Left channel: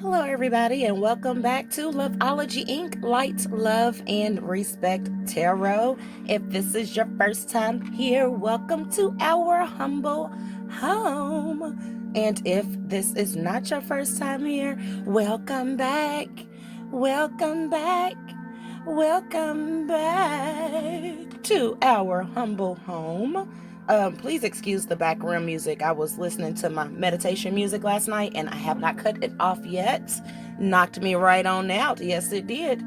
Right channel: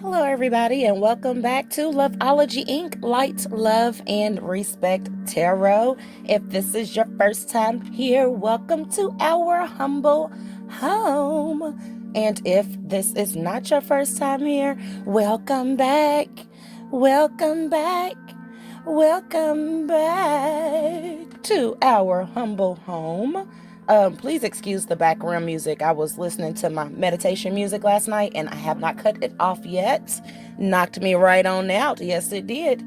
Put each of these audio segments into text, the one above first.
Hello, everybody, and welcome back to Loveology Ink, Light, Love, and Respect Tarot. If this is your first time here, welcome to our humble home. And if this is not your first time here, welcome back. Welcome back. Welcome back to our humble home. Please excuse the background music. I was listening to my meditation music last night and I have not cut it off yet. Knocked me right on out. Yes, it did.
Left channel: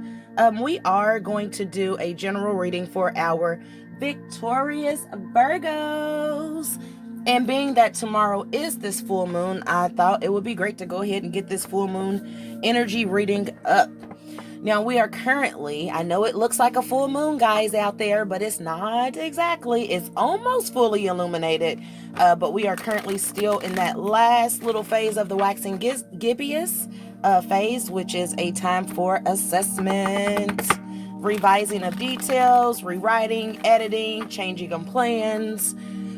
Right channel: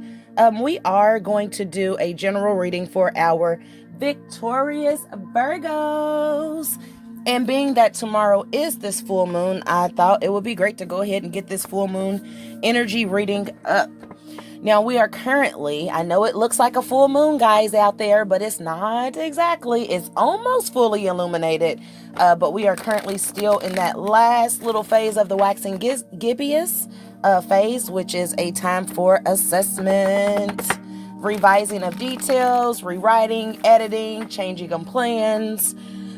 We are going to do a general reading for our victorious Virgos. And being that tomorrow is this full moon, I thought it would be great to go ahead and get this full moon energy reading up. Now, we are currently, I know it looks like a full moon, guys, out there, but it's not exactly. It's almost fully illuminated, but we are currently still in that last little phase of the waxing gibbous phase, which is a time for assessment, revising of details, rewriting, editing, changing of plans.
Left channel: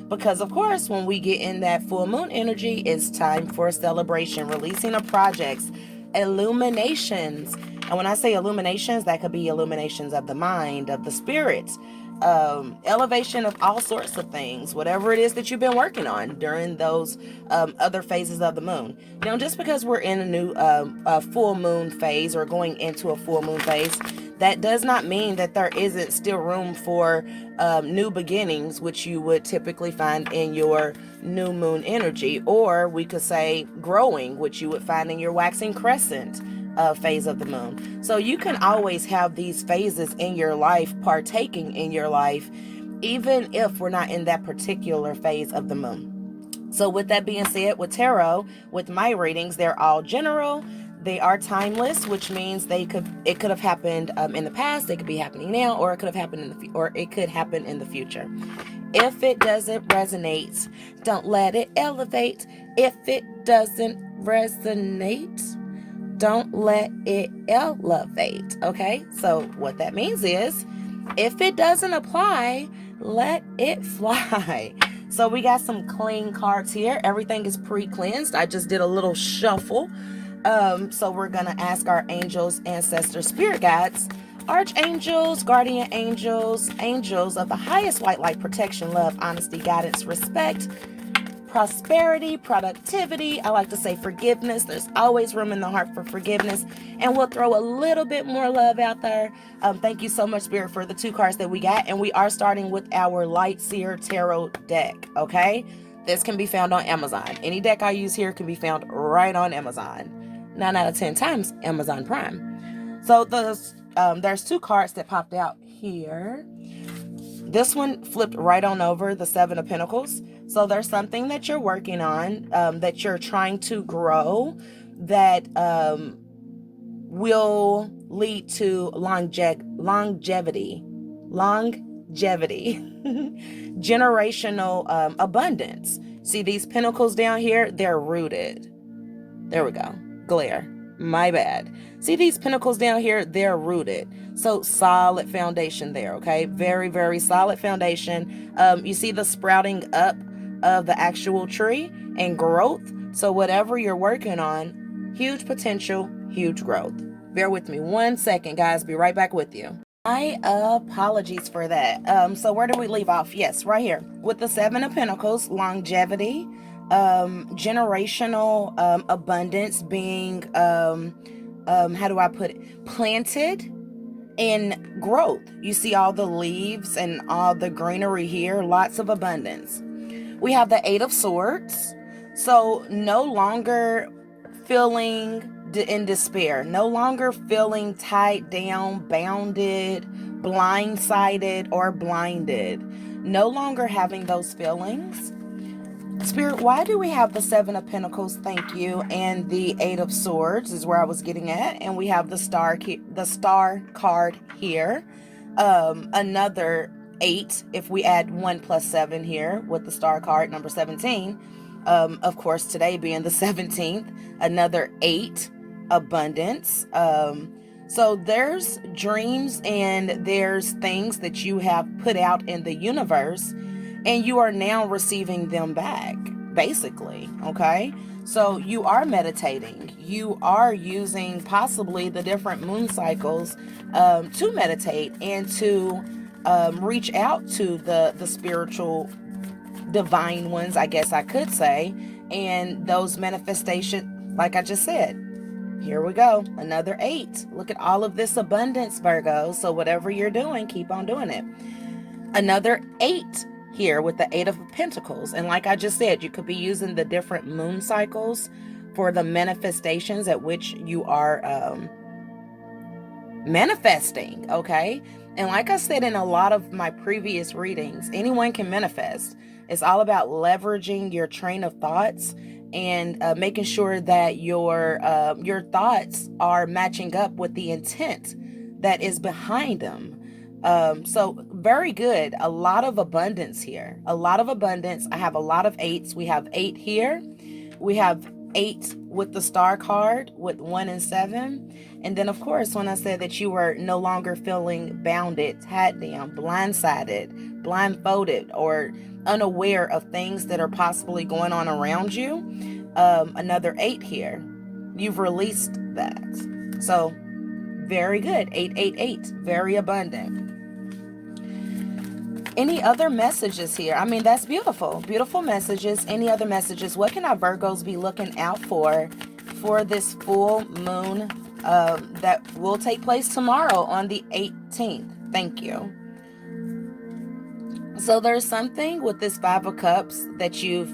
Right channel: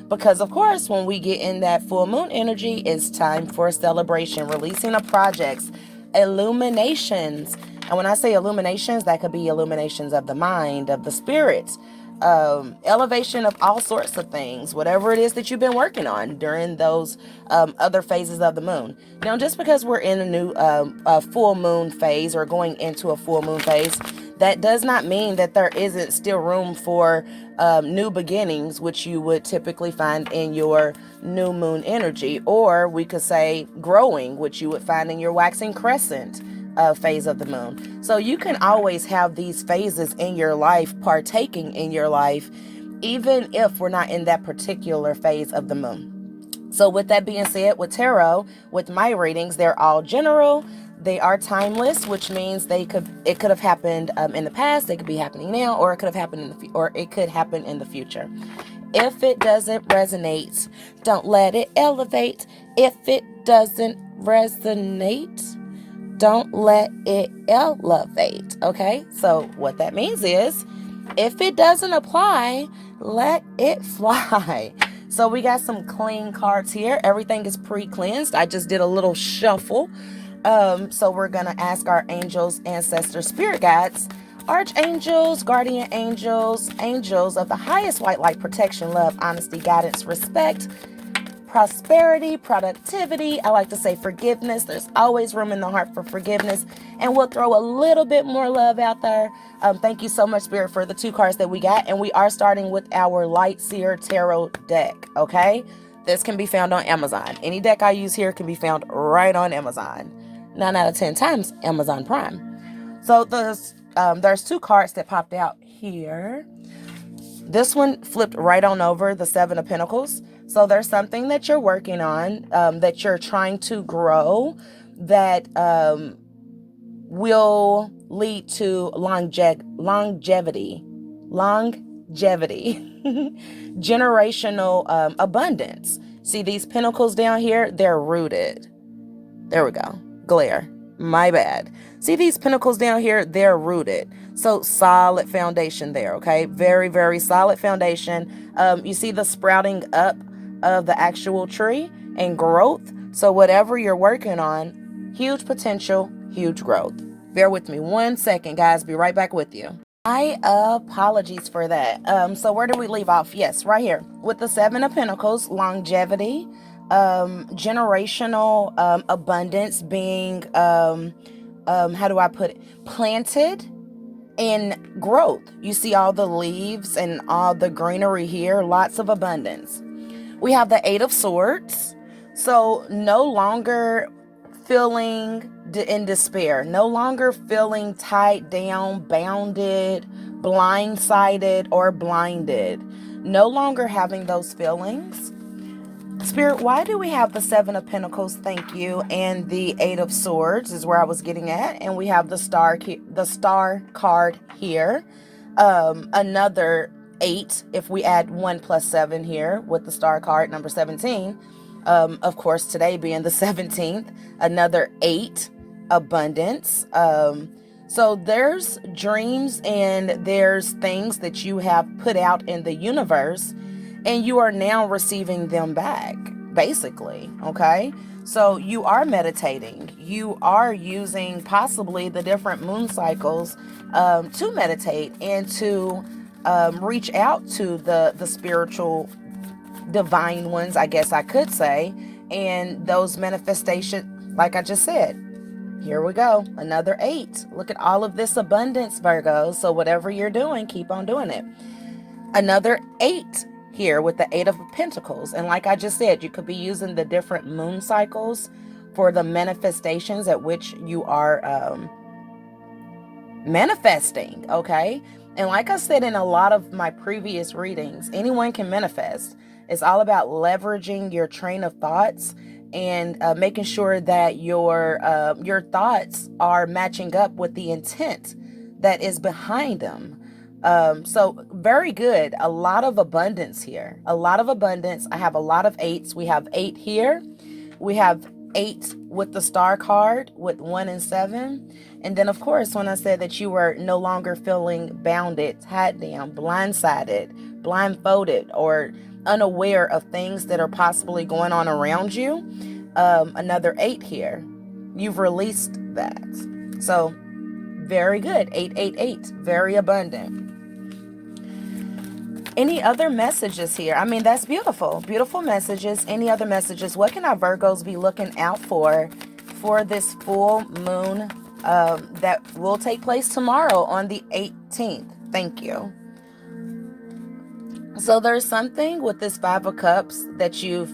Because, of course, when we get in that full moon energy, it's time for celebration, releasing of projects, illuminations. And when I say illuminations, that could be illuminations of the mind, of the spirit, elevation of all sorts of things, whatever it is that you've been working on during those other phases of the moon. Now, just because we're in a new full moon phase or going into a full moon phase, that does not mean that there isn't still room for new beginnings, which you would typically find in your new moon energy, or we could say growing, which you would find in your waxing crescent phase of the moon. So you can always have these phases in your life, partaking in your life, even if we're not in that particular phase of the moon. So with that being said, with tarot, with my readings, they're all general. They are timeless, which means it could have happened in the past, they could be happening now, or it could have happened it could happen in the future. If it doesn't resonate, don't let it elevate. If it doesn't resonate, don't let it elevate. Okay, so what that means is, if it doesn't apply, let it fly. So we got some clean cards here. Everything is pre-cleansed. I just did a little shuffle. So we're gonna ask our angels, ancestors, spirit guides, archangels, guardian angels, angels of the highest white light, protection, love, honesty, guidance, respect, prosperity, productivity. I like to say forgiveness. There's always room in the heart for forgiveness. And we'll throw a little bit more love out there. Thank you so much, Spirit, for the 2 cards that we got. And we are starting with our Light Seer Tarot deck, okay? This can be found on Amazon. Any deck I use here can be found right on Amazon. 9 out of 10 times, Amazon Prime. So there's 2 cards that popped out here. This one flipped right on over, the 7 of Pentacles. So there's something that you're working on, that you're trying to grow, that will lead to longevity, generational abundance. See these pentacles down here? They're rooted. There we go. Glare. My bad. See these pentacles down here? They're rooted. So solid foundation there, okay? Very, very solid foundation. You see the sprouting up of the actual tree and growth. So whatever you're working on, huge potential, huge growth. Bear with me 1 second, guys. Be right back with you. My apologies for that. So where did we leave off? Yes, right here with the 7 of Pentacles, longevity, generational abundance being, how do I put it? Planted in growth. You see all the leaves and all the greenery here, lots of abundance. We have the 8 of Swords. So no longer feeling in despair, no longer feeling tied down, bounded, blindsided, or blinded. No longer having those feelings. Spirit, why do we have the 7 of Pentacles? Thank you. And the 8 of Swords is where I was getting at. And we have the star card here. Another 8, if we add 1 plus 7 here with the star card, number 17. Of course, today being the 17th, another 8, abundance. So there's dreams and there's things that you have put out in the universe, and you are now receiving them back, basically, okay? So you are meditating. you are using possibly the different moon cycles to meditate and to reach out to the spiritual divine ones, I guess I could say, and those manifestations, like I just said. Here we go, another 8. Look at all of this abundance, Virgo. So whatever you're doing, keep on doing it. Another 8 here with the 8 of Pentacles. And like I just said, you could be using the different moon cycles for the manifestations at which you are manifesting, okay? And like I said in a lot of my previous readings, anyone can manifest. It's all about leveraging your train of thoughts and making sure that your thoughts are matching up with the intent that is behind them. So very good. A lot of abundance here. A lot of abundance. I have a lot of 8s. We have 8 here. We have 8 with the star card with 1 and 7. And then, of course, when I said that you were no longer feeling bounded, tied down, blindsided, blindfolded, or unaware of things that are possibly going on around you, another 8 here. You've released that. So very good. 888. Very abundant. Any other messages here? I mean, that's beautiful. Beautiful messages. Any other messages? What can our Virgos be looking out for this full moon that will take place tomorrow on the 18th? Thank you. So there's something with this 5 of Cups that you've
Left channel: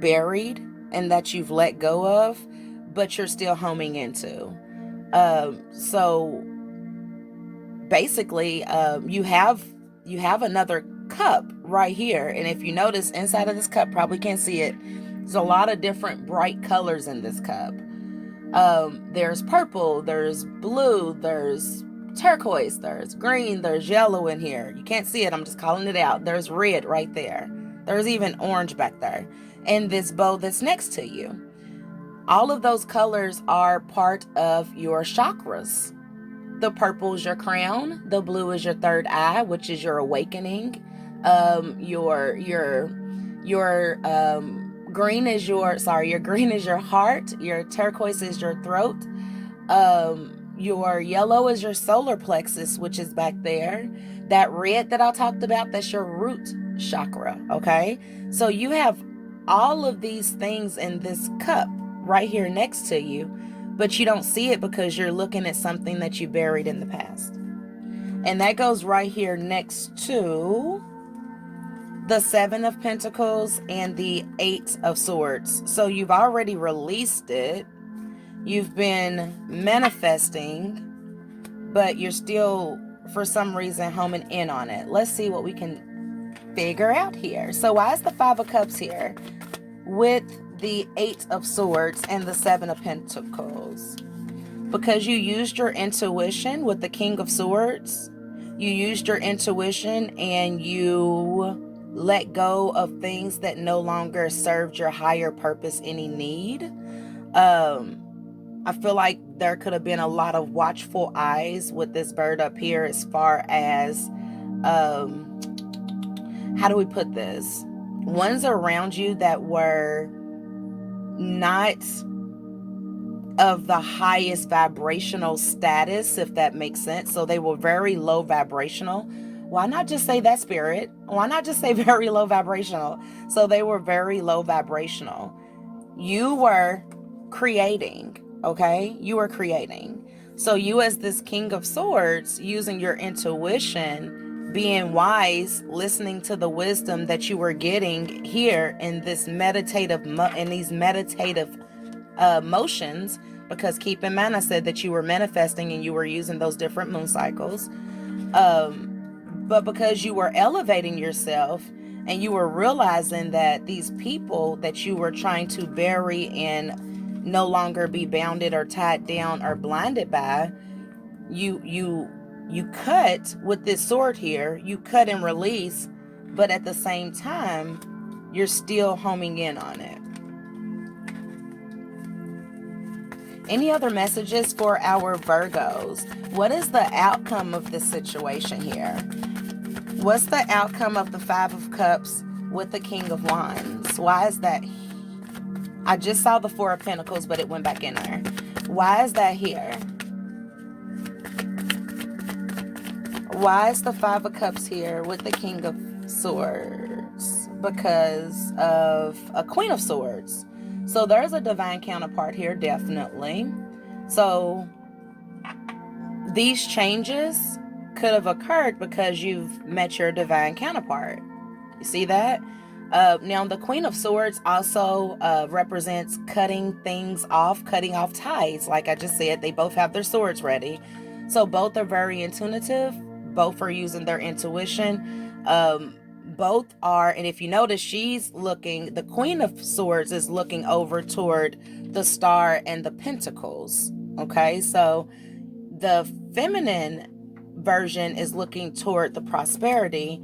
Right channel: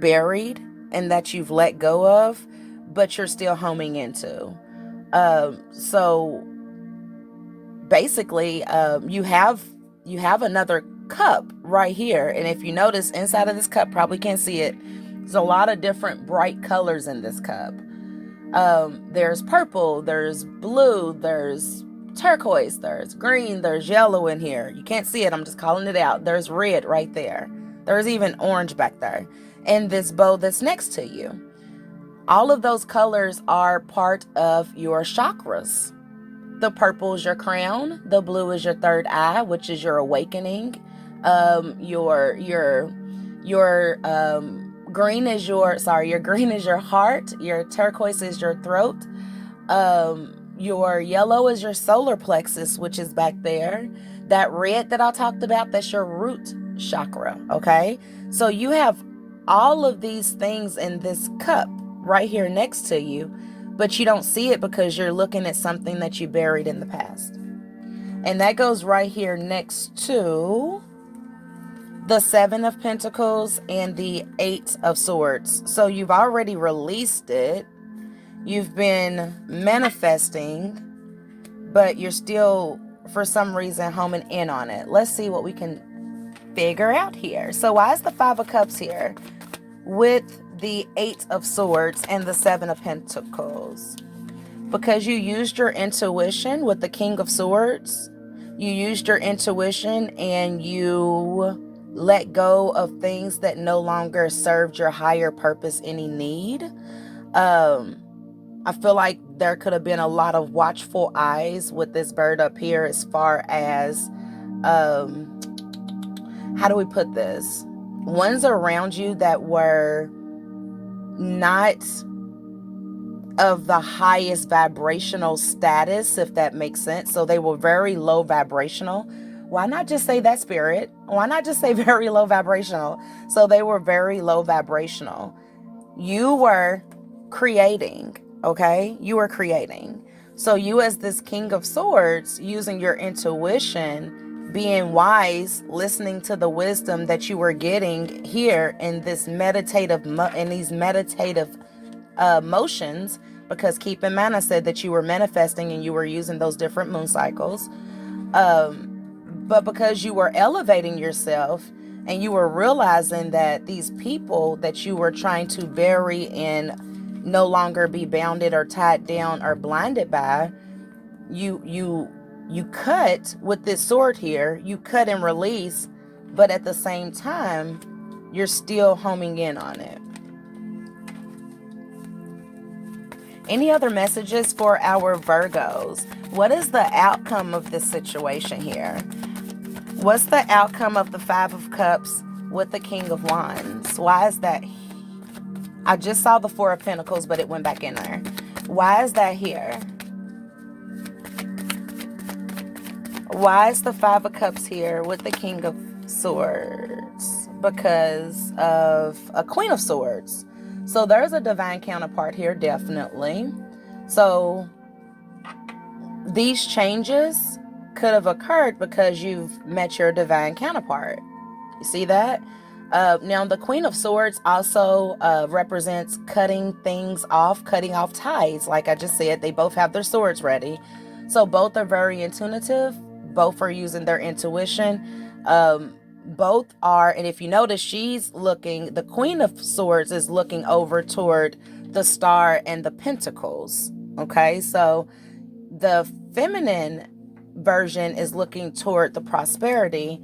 buried and that you've let go of, but you're still homing into. So basically, you have another cup right here. And if you notice, inside of this cup, probably can't see it, there's a lot of different bright colors in this cup. There's purple, there's blue, there's turquoise, there's green, there's yellow in here. You can't see it, I'm just calling it out. There's red right there. There's even orange back there. And this bow that's next to you. All of those colors are part of your chakras. The purple is your crown. The blue is your third eye, which is your awakening. Your green is your heart. Your turquoise is your throat. Your yellow is your solar plexus, which is back there. That red that I talked about, that's your root chakra, okay? So you have all of these things in this cup right here next to you, but you don't see it because you're looking at something that you buried in the past. And that goes right here next to the 7 of Pentacles and the 8 of Swords. So you've already released it. You've been manifesting, but you're still, for some reason, homing in on it. Let's see what we can figure out here. So why is the 5 of Cups here with the 8 of Swords and the 7 of Pentacles? Because you used your intuition with the King of Swords. You used your intuition and you let go of things that no longer served your higher purpose any need. I feel like there could have been a lot of watchful eyes with this bird up here as far as, how do we put this? Ones around you that were not of the highest vibrational status, if that makes sense. So they were very low vibrational. Why not just say that, Spirit? Why not just say very low vibrational? So they were very low vibrational. You were creating, okay? You were creating. So you, as this King of Swords, using your intuition, being wise, listening to the wisdom that you were getting here in this meditative, motions, because keep in mind I said that you were manifesting and you were using those different moon cycles. But because you were elevating yourself and you were realizing that these people that you were trying to bury and no longer be bounded or tied down or blinded by, you cut with this sword here, you cut and release, but at the same time, you're still homing in on it. Any other messages for our Virgos? What is the outcome of this situation here? What's the outcome of the 5 of Cups with the King of Wands? Why is that? I just saw the 4 of Pentacles, but it went back in there. Why is that here? Why is the Five of Cups here with the King of Swords? Because of a Queen of Swords. So there's a divine counterpart here, definitely. So these changes could have occurred because you've met your divine counterpart. You see that? Now, the Queen of Swords also represents cutting things off, cutting off ties. Like I just said, they both have their swords ready. So both are very intuitive. Both are using their intuition. Both are, and if you notice, she's looking, the Queen of Swords is looking over toward the Star and the Pentacles. Okay, so the feminine version is looking toward the prosperity.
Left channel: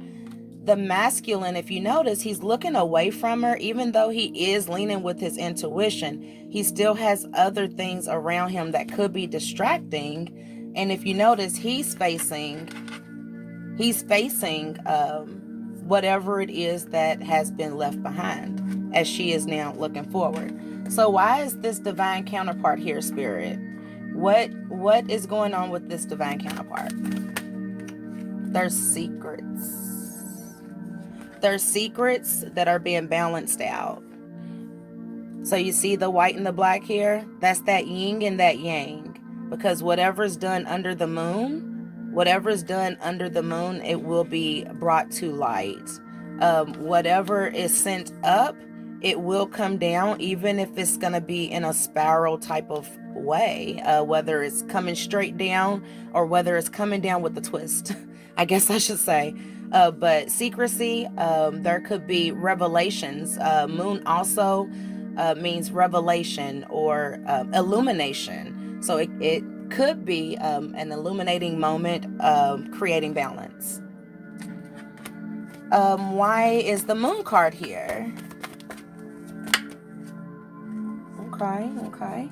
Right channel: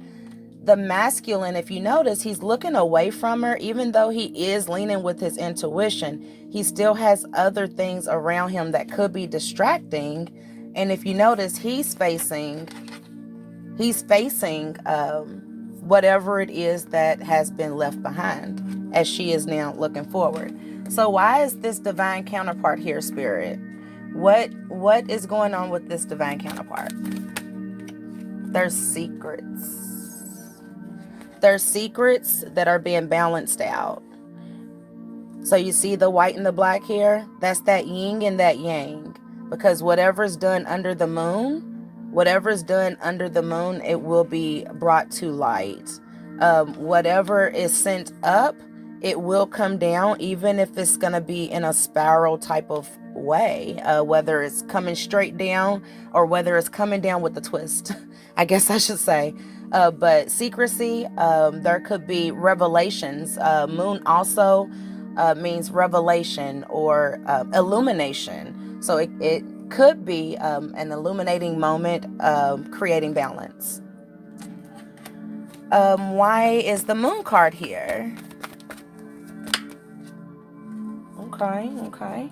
The masculine, if you notice, he's looking away from her. Even though he is leaning with his intuition, he still has other things around him that could be distracting. And if you notice, he's facing whatever it is that has been left behind, as she is now looking forward. So why is this divine counterpart here, Spirit? What is going on with this divine counterpart? There's secrets. There's secrets that are being balanced out. So you see the white and the black here? That's that yin and that yang. Because whatever's done under the moon, it will be brought to light. Whatever is sent up, it will come down, even if it's going to be in a spiral type of way, whether it's coming straight down or whether it's coming down with a twist, I guess I should say. But secrecy, there could be revelations. Moon also means revelation or illumination. So it could be an illuminating moment, creating balance. Why is the Moon card here? Okay.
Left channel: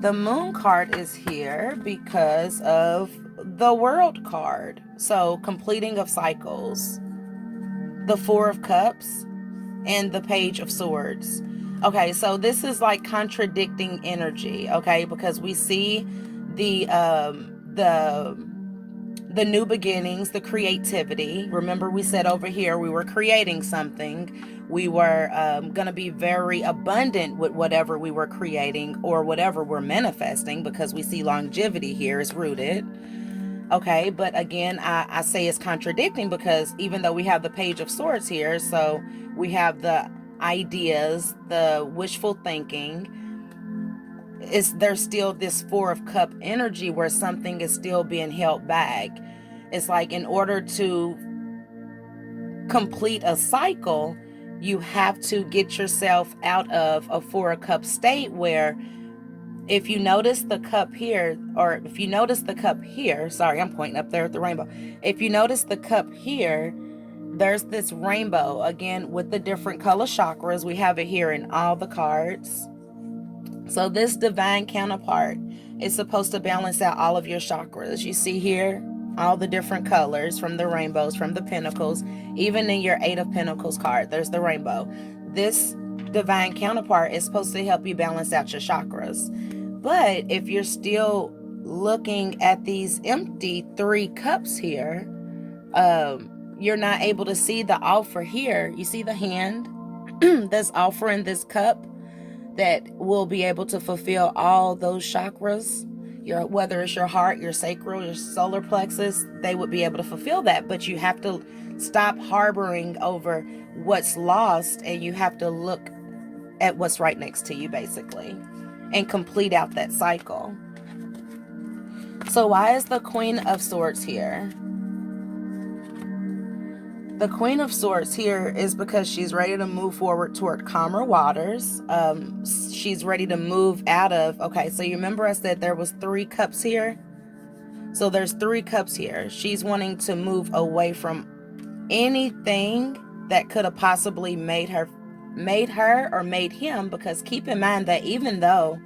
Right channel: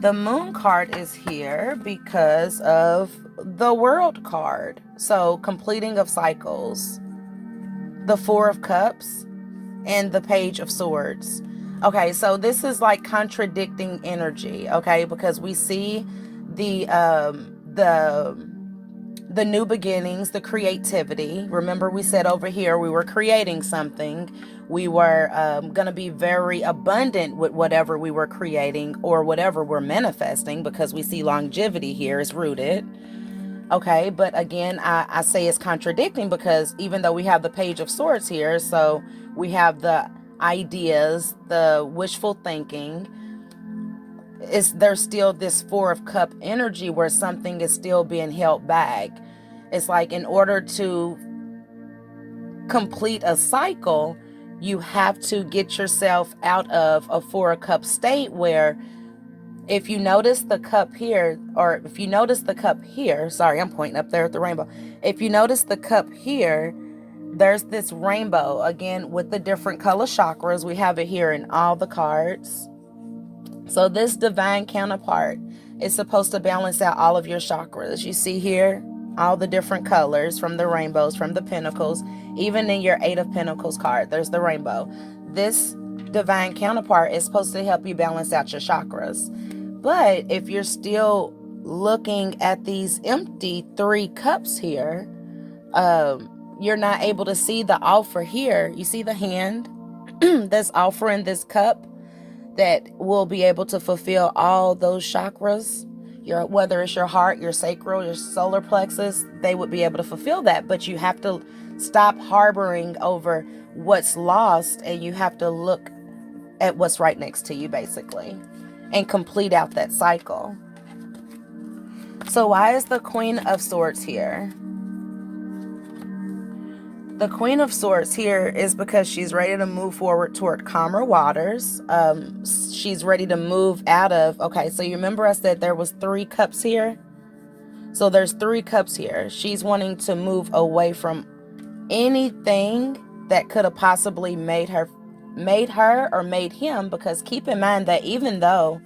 The Moon card is here because of the World card. So completing of cycles, the Four of Cups, and the Page of Swords. Okay, so this is like contradicting energy, okay? Because we see the new beginnings, the creativity. Remember, we said over here we were creating something. We were going to be very abundant with whatever we were creating or whatever we're manifesting, because we see longevity here is rooted. Okay, but again, I say it's contradicting because even though we have the Page of Swords here, so we have the ideas, the wishful thinking, there's still this Four of Cup energy where something is still being held back. It's like in order to complete a cycle, you have to get yourself out of a Four of Cup state where, if you notice the cup here, sorry, I'm pointing up there at the rainbow. If you notice the cup here, there's this rainbow, again, with the different color chakras. We have it here in all the cards. So this divine counterpart is supposed to balance out all of your chakras. You see here, all the different colors from the rainbows, from the pentacles, even in your Eight of Pentacles card, there's the rainbow. This divine counterpart is supposed to help you balance out your chakras. But if you're still looking at these empty three cups here, you're not able to see the offer here. You see the hand that's offering this cup that will be able to fulfill all those chakras. Whether it's your heart, your sacral, your solar plexus, they would be able to fulfill that. But you have to stop harboring over what's lost, and you have to look at what's right next to you, basically, and complete out that cycle. So why is the Queen of Swords here? The Queen of Swords here is because she's ready to move forward toward calmer waters. She's ready to move out of, okay, so you remember I said there was three cups here? So there's three cups here. She's wanting to move away from anything that could have possibly made her or made him, because keep in mind that even though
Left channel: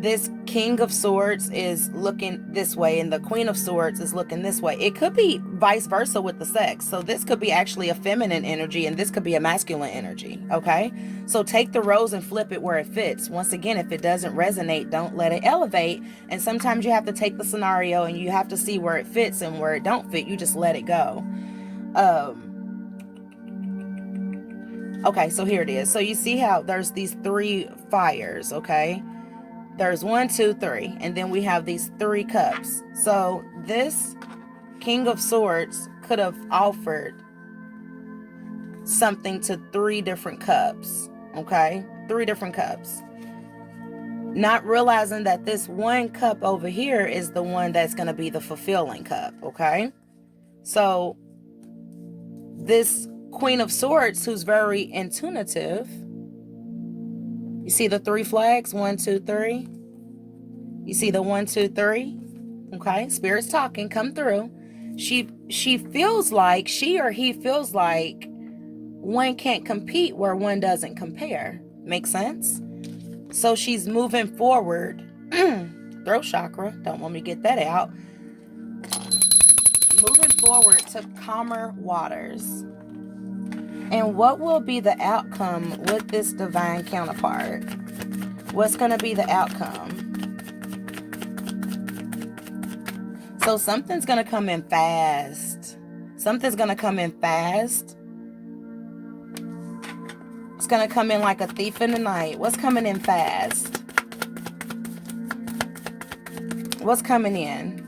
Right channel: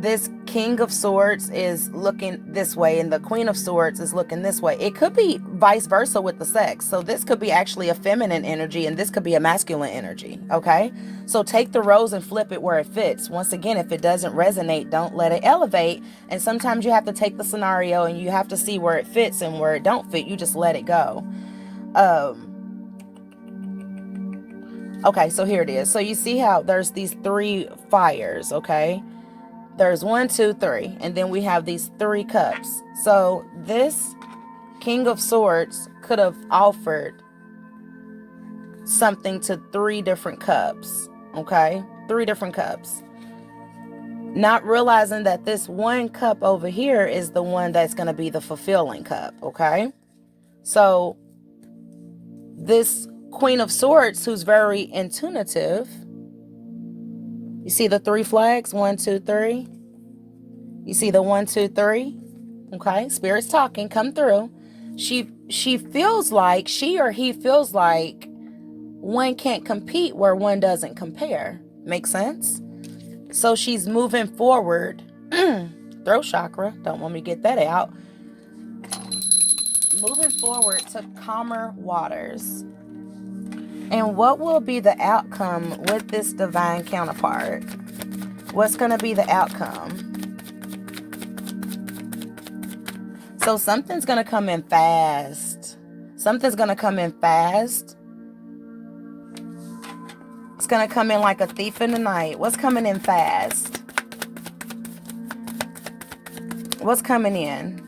this King of Swords is looking this way and the Queen of Swords is looking this way. It could be vice versa with the sex. So this could be actually a feminine energy and this could be a masculine energy, okay? So take the rose and flip it where it fits. Once again, if it doesn't resonate, don't let it elevate. And sometimes you have to take the scenario and you have to see where it fits and where it don't fit. You just let it go. Okay, so here it is. So you see how there's these 3 fires, okay? There's 1, 2, 3, and then we have these 3 cups. So this King of Swords could have offered something to 3 different cups, okay? 3 different cups. Not realizing that this 1 cup over here is the one that's going to be the fulfilling cup, okay? So this Queen of Swords, who's very intuitive, you see the 3 flags, 1, 2, 3. You see the 1, 2, 3. Okay, Spirit's talking, come through. She feels like, she or he feels like one can't compete where one doesn't compare. Make sense? So she's moving forward. Throat chakra, don't want me to get that out. Moving forward to calmer waters. And what will be the outcome with this divine counterpart? What's going to be the outcome? So something's going to come in fast. Something's going to come in fast. It's going to come in like a thief in the night. What's coming in fast? What's coming in?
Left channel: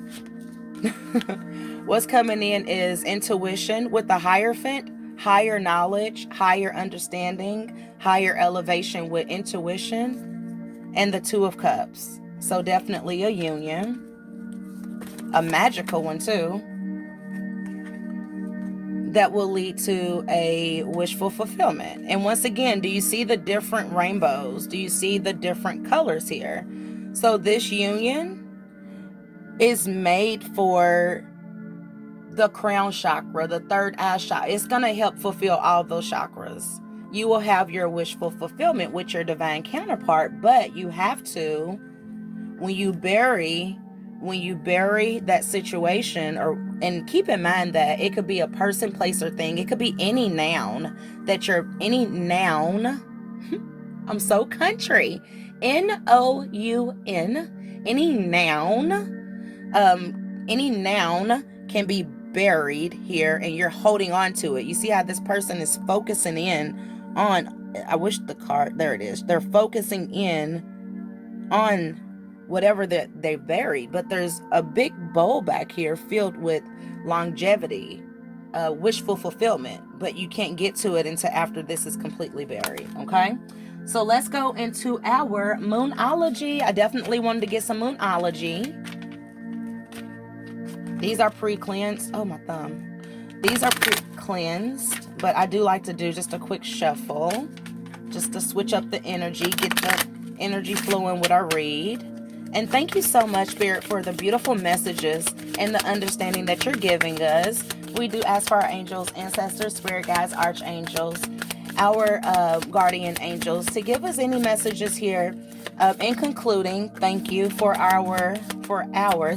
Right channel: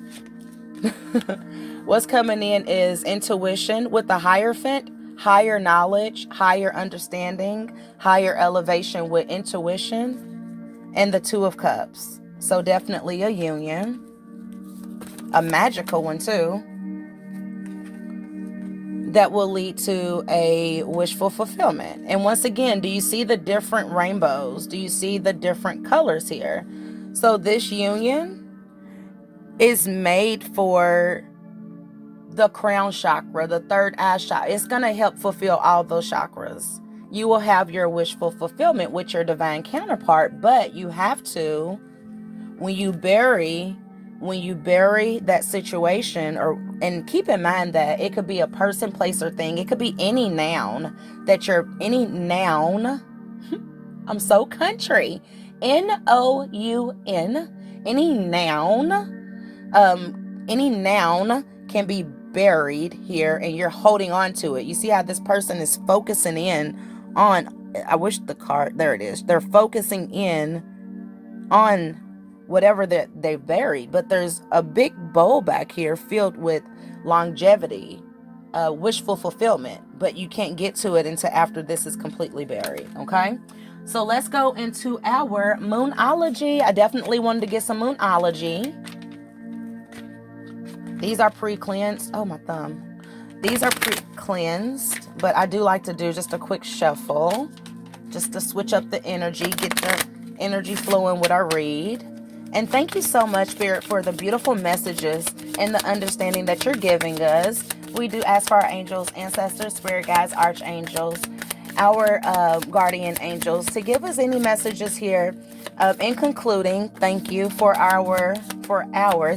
What's coming in is intuition with the Hierophant. Higher knowledge, higher understanding, higher elevation with intuition, and the 2 of Cups. So definitely a union, a magical one too, that will lead to a wishful fulfillment. And once again, do you see the different rainbows? Do you see the different colors here? So this union is made for the crown chakra, the 3rd eye chakra. It's going to help fulfill all those chakras. You will have your wishful fulfillment with your divine counterpart, but you have to, when you bury that situation, and keep in mind that it could be a person, place, or thing. It could be any noun I'm so country. N-O-U-N, any noun can be buried here, and you're holding on to it. You see how this person is focusing in on, I wish the card, there it is. They're focusing in on whatever that they've buried, but there's a big bowl back here filled with longevity, wishful fulfillment, but you can't get to it until after this is completely buried. Okay, so let's go into our moonology. I definitely wanted to get some moonology. These are pre-cleansed. Oh, my thumb. These are pre-cleansed, but I do like to do just a quick shuffle, just to switch up the energy, get the energy flowing with our read. And thank you so much, Spirit, for the beautiful messages and the understanding that you're giving us. We do ask for our angels, ancestors, spirit guides, archangels, our guardian angels to give us any messages here. In concluding, thank you for our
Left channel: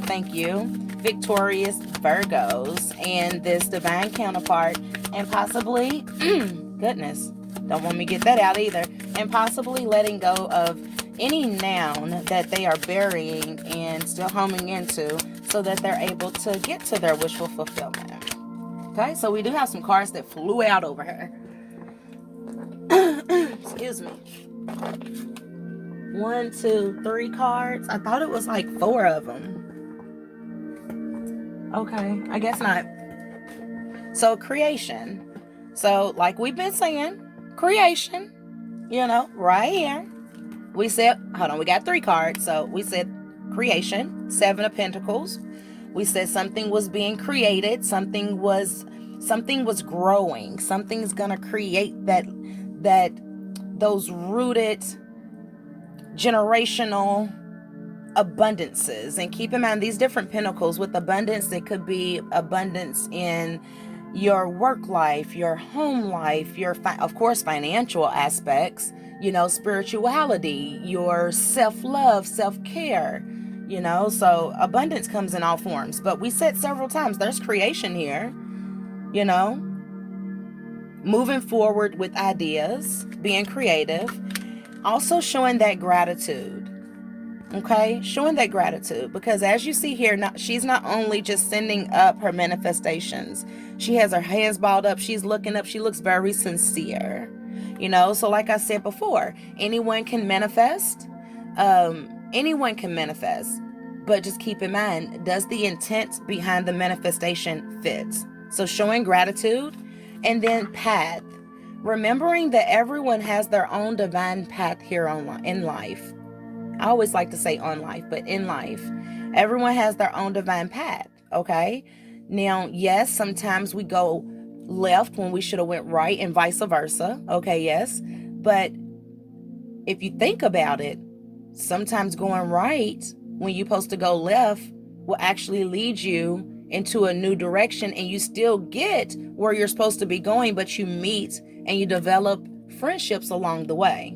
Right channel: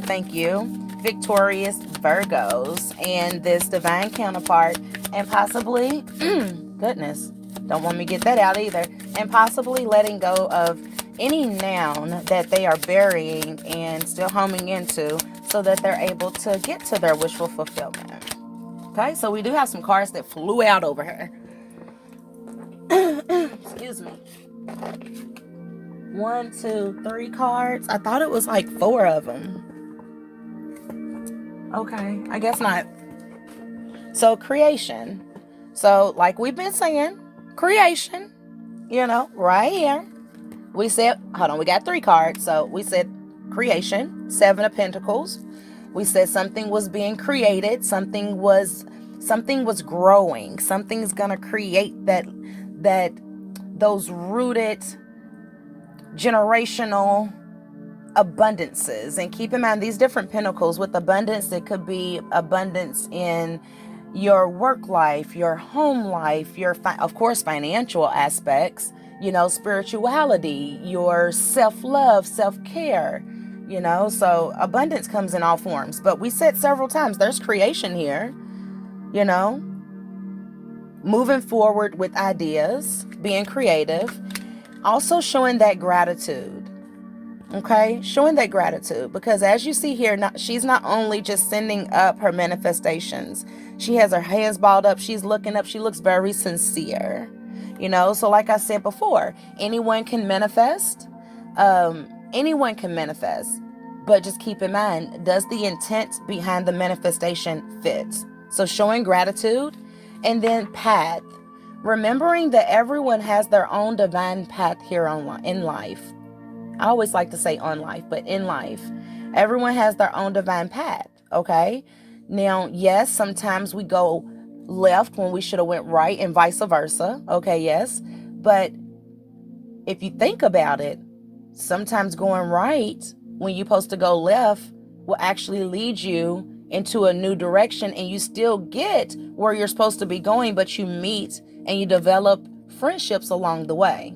thank you, victorious Virgos and this divine counterpart, and possibly, goodness, don't want me to get that out either, and possibly letting go of any noun that they are burying and still homing into so that they're able to get to their wishful fulfillment. Okay, so we do have some cards that flew out over here. Excuse me. 1, 2, 3 cards. I thought it was like 4 of them. Okay, I guess not. So creation. So like we've been saying, creation, right here. We said, hold on, we got 3 cards. So we said creation, 7 of Pentacles. We said something was being created, something was growing, something's gonna create those rooted generational abundances. And keep in mind these different pentacles with abundance, it could be abundance in your work life, your home life, of course financial aspects. spirituality, your self-love, self-care, so abundance comes in all forms. But we said several times, there's creation here, moving forward with ideas, being creative, also showing that gratitude. Okay, showing that gratitude, because as you see here, she's not only just sending up her manifestations, she has her hands balled up, she's looking up, she looks very sincere, so like I said before, anyone can manifest, but just keep in mind, does the intent behind the manifestation fit? So showing gratitude, and then path, remembering that everyone has their own divine path here in life. I always like to say on life, but in life, everyone has their own divine path, okay? Now, yes, sometimes we go left when we should have went right, and vice versa, okay, yes. But if you think about it, sometimes going right when you're supposed to go left will actually lead you into a new direction, and you still get where you're supposed to be going, but you meet and you develop friendships along the way.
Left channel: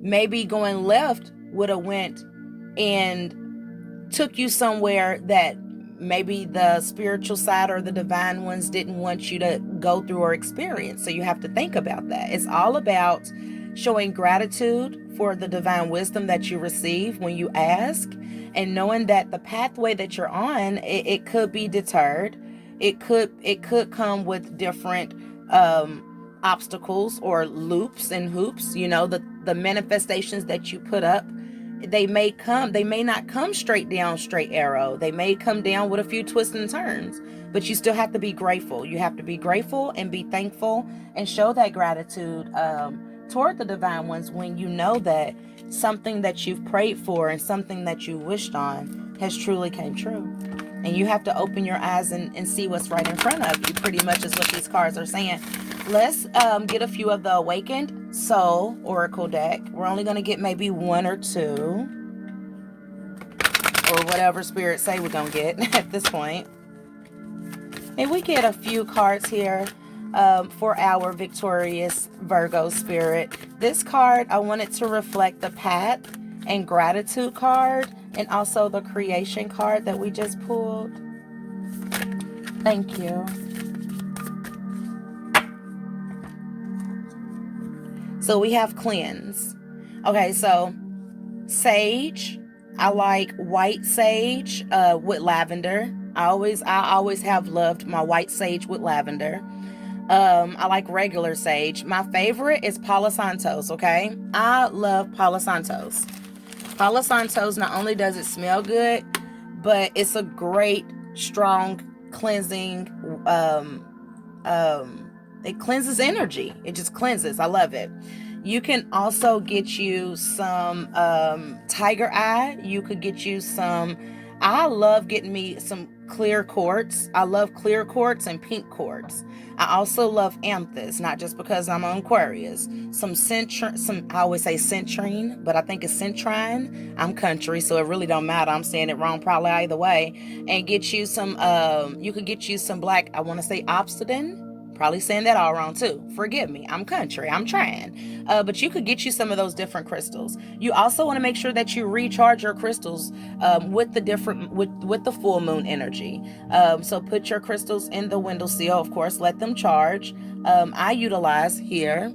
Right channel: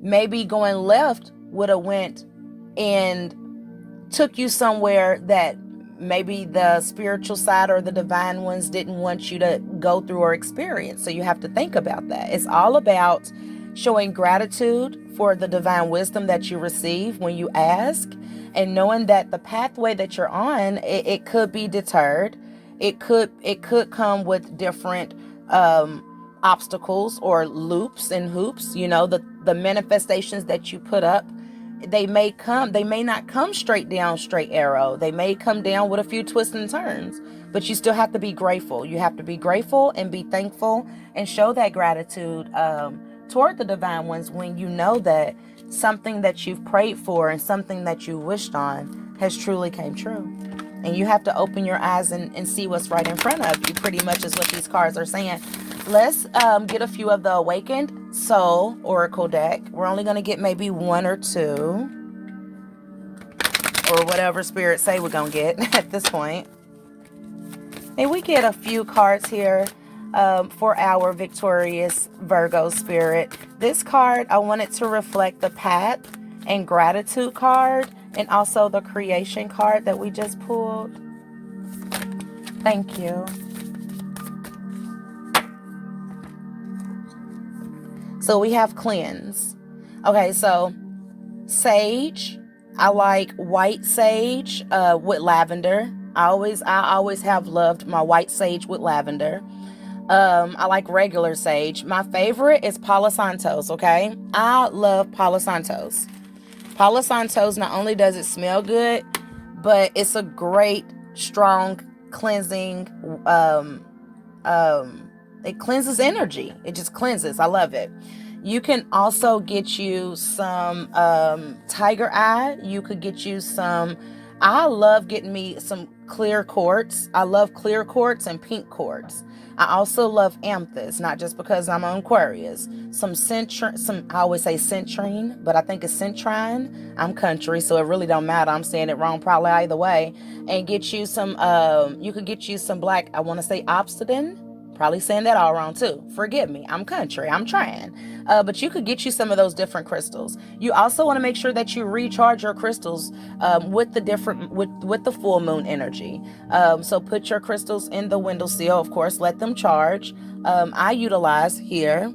Maybe going left would have went and took you somewhere that maybe the spiritual side or the divine ones didn't want you to go through or experience. So you have to think about that. It's all about showing gratitude for the divine wisdom that you receive when you ask, and knowing that the pathway that you're on, it could be deterred. It could come with different obstacles or loops and hoops. The manifestations that you put up, they may not come straight down, straight arrow. They may come down with a few twists and turns, but you still have to be grateful. You have to be grateful and be thankful and show that gratitude toward the divine ones when you know that something that you've prayed for and something that you wished on has truly came true. And you have to open your eyes and see what's right in front of you, pretty much is what these cards are saying. Let's get a few of the Awakened Soul Oracle deck. We're only going to get maybe one or two, or whatever Spirit say we're going to get at this point. And we get a few cards here for our victorious Virgo Spirit. This card, I want it to reflect the path and gratitude card, and also the creation card that we just pulled. Thank you. So we have cleanse. Okay, so sage. I like white sage with lavender. I always have loved my white sage with lavender. I like regular sage. My favorite is Palo Santos, okay? I love Palo Santos. Palo Santos, not only does it smell good, but it's a great, strong, cleansing, it cleanses energy. It just cleanses. I love it. You can also get you some tiger eye. You could get you some, I love getting me some clear quartz. I love clear quartz and pink quartz. I also love amethyst, not just because I'm an Aquarius. I always say citrine, but I think it's citrine. I'm country, so it really don't matter. I'm saying it wrong probably either way. And get you some, you could get you some black, I want to say obsidian. Probably saying that all wrong too. Forgive me. I'm country. I'm trying. But you could get you some of those different crystals. You also want to make sure that you recharge your crystals with the full moon energy. So put your crystals in the windowsill. Of course, let them charge. I utilize here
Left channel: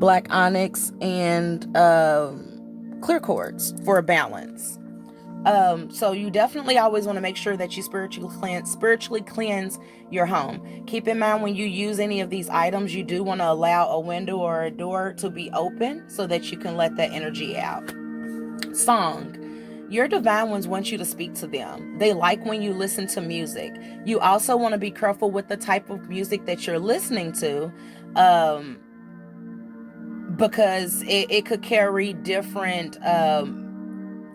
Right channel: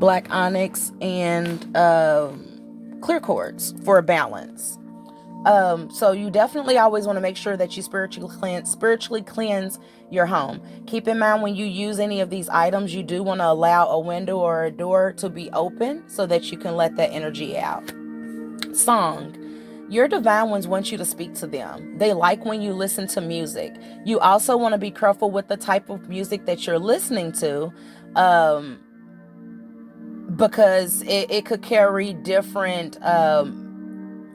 black onyx and clear quartz for a balance. So you definitely always want to make sure that you spiritually cleanse your home. Keep in mind, when you use any of these items, you do want to allow a window or a door to be open so that you can let that energy out. Song. Your divine ones want you to speak to them. They like when you listen to music. You also want to be careful with the type of music that you're listening to, because it could carry different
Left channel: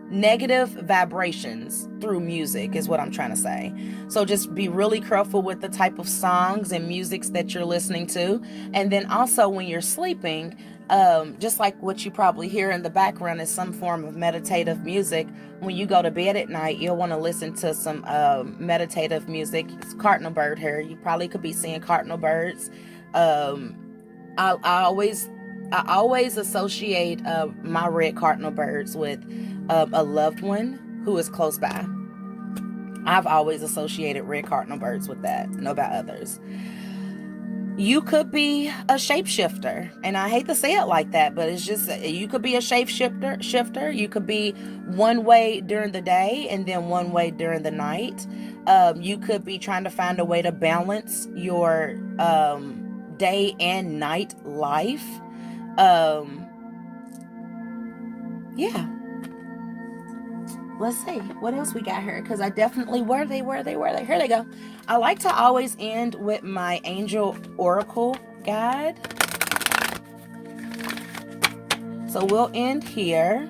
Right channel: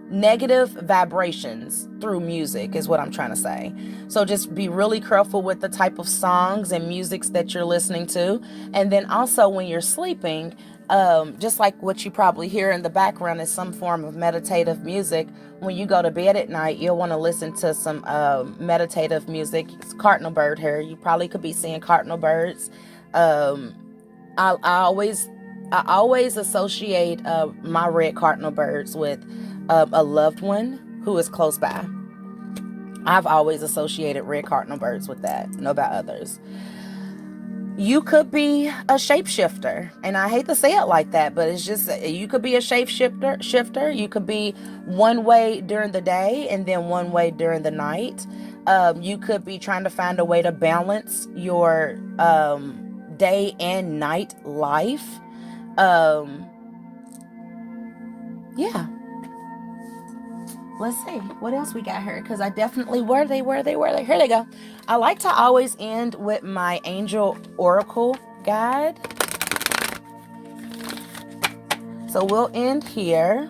negative vibrations through music, is what I'm trying to say. So just be really careful with the type of songs and musics that you're listening to. And then also when you're sleeping, just like what you probably hear in the background is some form of meditative music. When you go to bed at night, you'll want to listen to some meditative music. It's cardinal bird here. You probably could be seeing cardinal birds. I I always associate my red cardinal birds with a loved one who is close by. I've always associated red cardinal birds with that, know about others. You could be a shapeshifter, and I hate to say it like that, but it's just, you could be a shifter. You could be one way during the day and then one way during the night. You could be trying to find a way to balance your day and night life. Yeah. Let's see what else we got here, because I definitely where they here they go. I like to always end with my angel oracle guide, so we'll end here.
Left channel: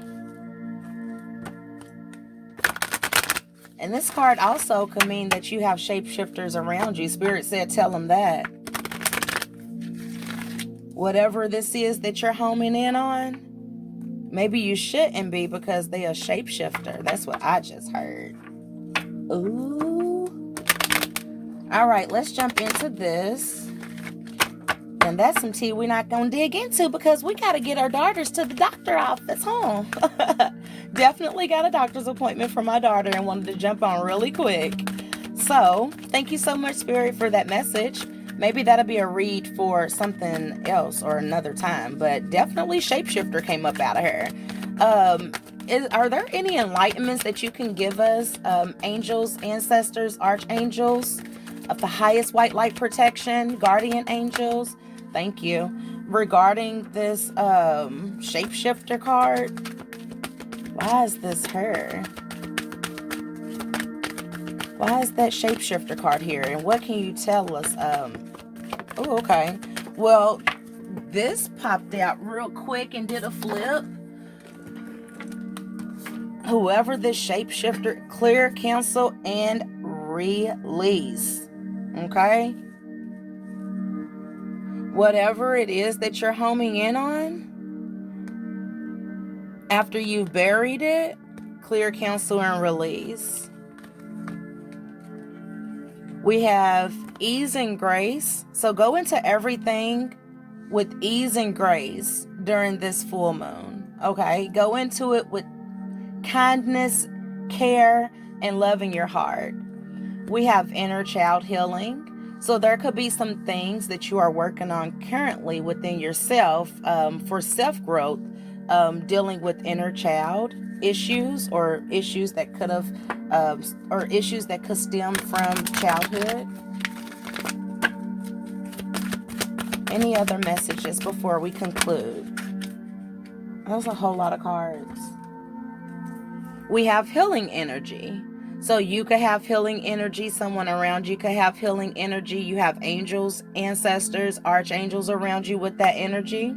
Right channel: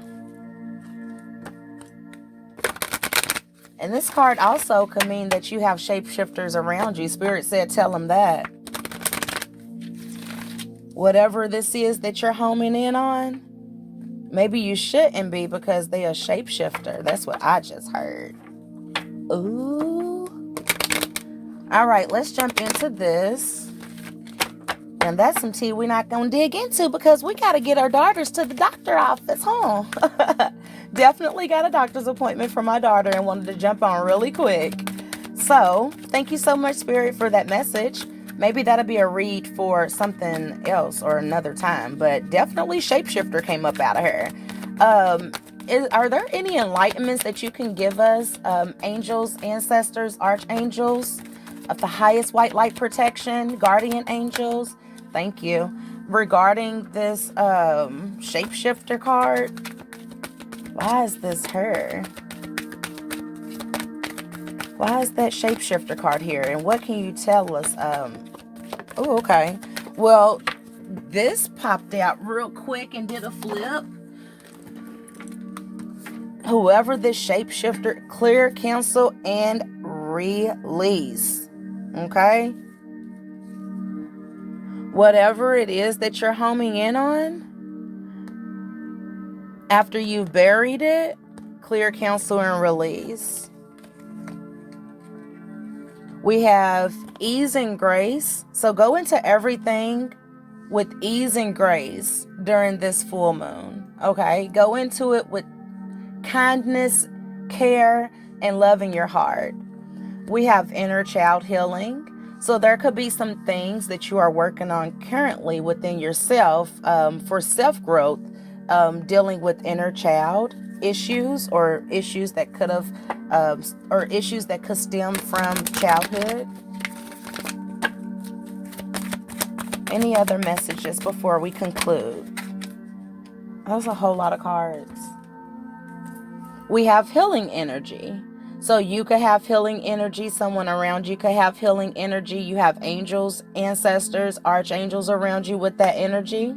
And this card also could mean that you have shapeshifters around you. Spirit said tell them that whatever this is that you're homing in on, maybe you shouldn't be, because they are shapeshifter. That's what I just heard. Ooh. All right, let's jump into this. And that's some tea we're not going to dig into, because we got to get our daughters to the doctor office, huh? Definitely got a doctor's appointment for my daughter and wanted to jump on really quick. So thank you so much, Spirit, for that message. Maybe that'll be a read for something else or another time, but definitely shapeshifter came up out of her. Are there any enlightenments that you can give us, angels, ancestors, archangels of the highest white light protection, guardian angels? Thank you. Regarding this shapeshifter card, why is this her? Why is that shapeshifter card here? And what can you tell us? Oh, okay. Well, this popped out real quick and did a flip. Whoever this shapeshifter, clear, cancel, and release. Okay? Whatever it is that you're homing in on, after you've buried it, clear, cancel, and release. We have ease and grace. So go into everything with ease and grace during this full moon. Okay? Go into it with kindness, care, and love in your heart. We have inner child healing. So there could be some things that you are working on currently within yourself for self-growth, dealing with inner child issues, or issues that could have or issues that could stem from childhood. Any other messages before we conclude? That's a whole lot of cards. We have healing energy. So you could have healing energy. Someone around you could have healing energy. You have angels, ancestors, archangels around you with that energy.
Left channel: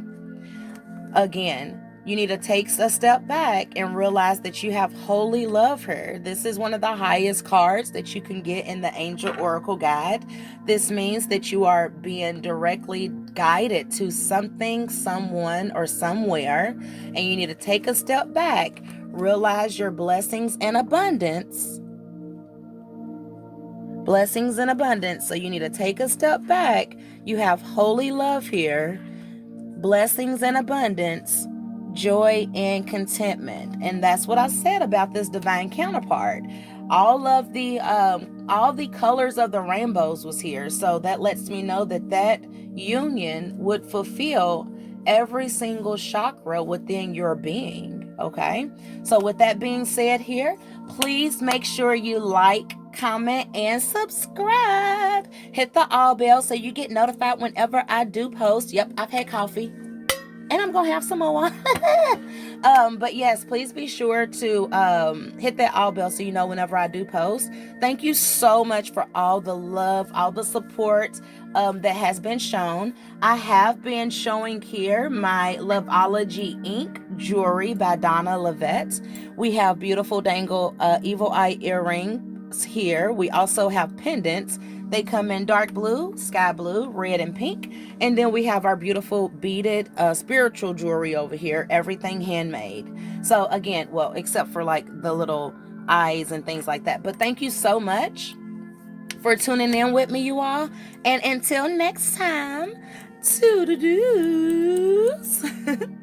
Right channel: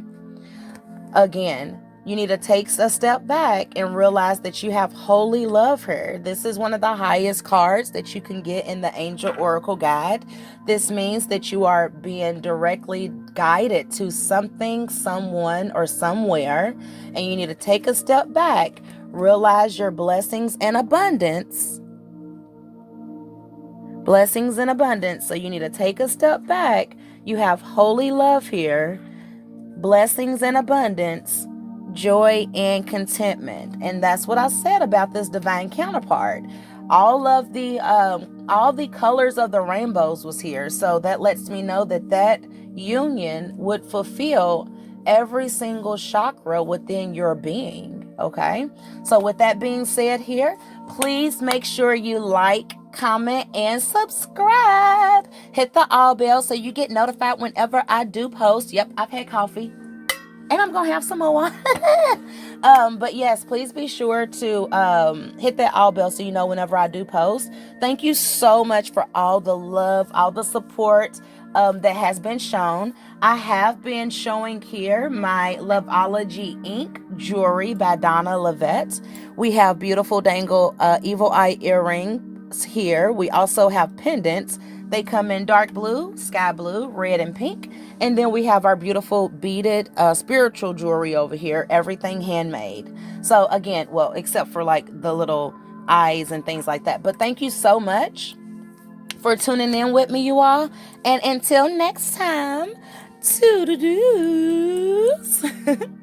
Again, you need to take a step back and realize that you have holy love here. This is one of the highest cards that you can get in the Angel Oracle Guide. This means that you are being directly guided to something, someone, or somewhere. And you need to take a step back, realize your blessings and abundance. Blessings and abundance. So you need to take a step back. You have holy love here. Blessings and abundance, joy and contentment. And that's what I said about this divine counterpart. All the colors of the rainbows was here. So that lets me know that that union would fulfill every single chakra within your being. Okay. So with that being said here, please make sure you like, comment, and subscribe. Hit the all bell so you get notified whenever I do post. Yep, I've had coffee and I'm gonna have some more. But yes, please be sure to hit that all bell so you know whenever I do post. Thank you so much for all the love, all the support that has been shown. I have been showing here my Loveology Ink Jewelry by Donna Lovette. We have beautiful dangle evil eye earrings here. We also have pendants. They come in dark blue, sky blue, red, and pink. And then we have our beautiful beaded spiritual jewelry over here, everything handmade. So again, well, except for like the little eyes and things like that. But thank you so much for tuning in with me, you all. And until next time, to the do's.